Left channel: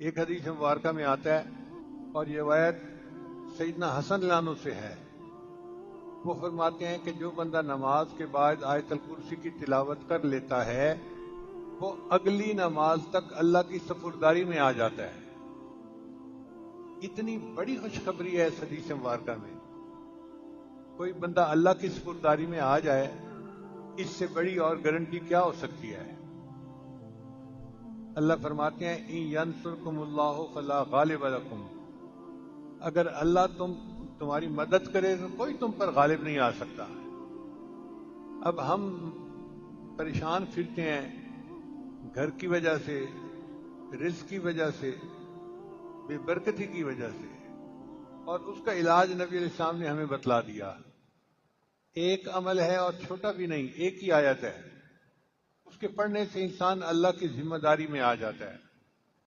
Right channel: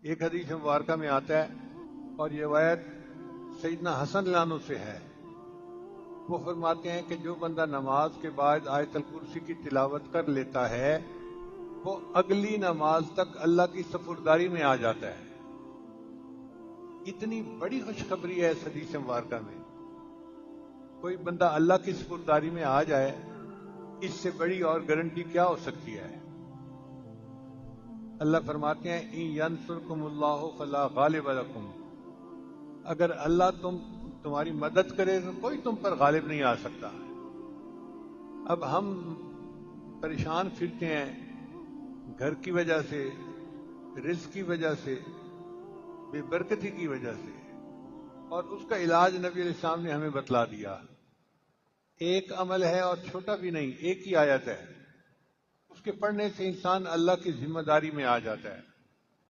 ایک حدیث مبارکہ میں آتا ہے اور یہ روایت سیدنا حسن لانو سے ہے، وہ فرماتے ہیں کہ جو بندہ نماز کے بعد آیت الکرسی کی تلاوت کر لیتا ہے وہ اگلی نماز تک اللہ کی سپرداری میں آ جاتا ہے۔ اتنی بڑی خوشخبری ہے اس حدیث مبارکہ میں، کوئی بندہ اللہ کی سپرداری میں آ جائے، اس سے بڑی اور گارنٹی کیا ہو سکتی ہے؟ اللہ فرماتے ہیں اِن يَنْصُرْكُمُ اللَّهُ فَلَا غَالِبَ لَكُمْ، اگر اللہ تمہاری مدد کرے تو کوئی تم پر غالب نہیں آ سکتا۔ اب ہم پریشان پھرتے ہیں گھر کی وجہ سے، رزق کی وجہ سے، بے برکتی کی وجہ سے، اور اس کا علاج نبی علیہ السلام نے ہمیں بتلا دیا۔ ایک عمل ہے اور چھوٹا بھی نہیں، ایک ہی آیت ہے، اس کے پڑھنے سے انسان اللہ کی ذمہ داری میں آ جاتا ہے۔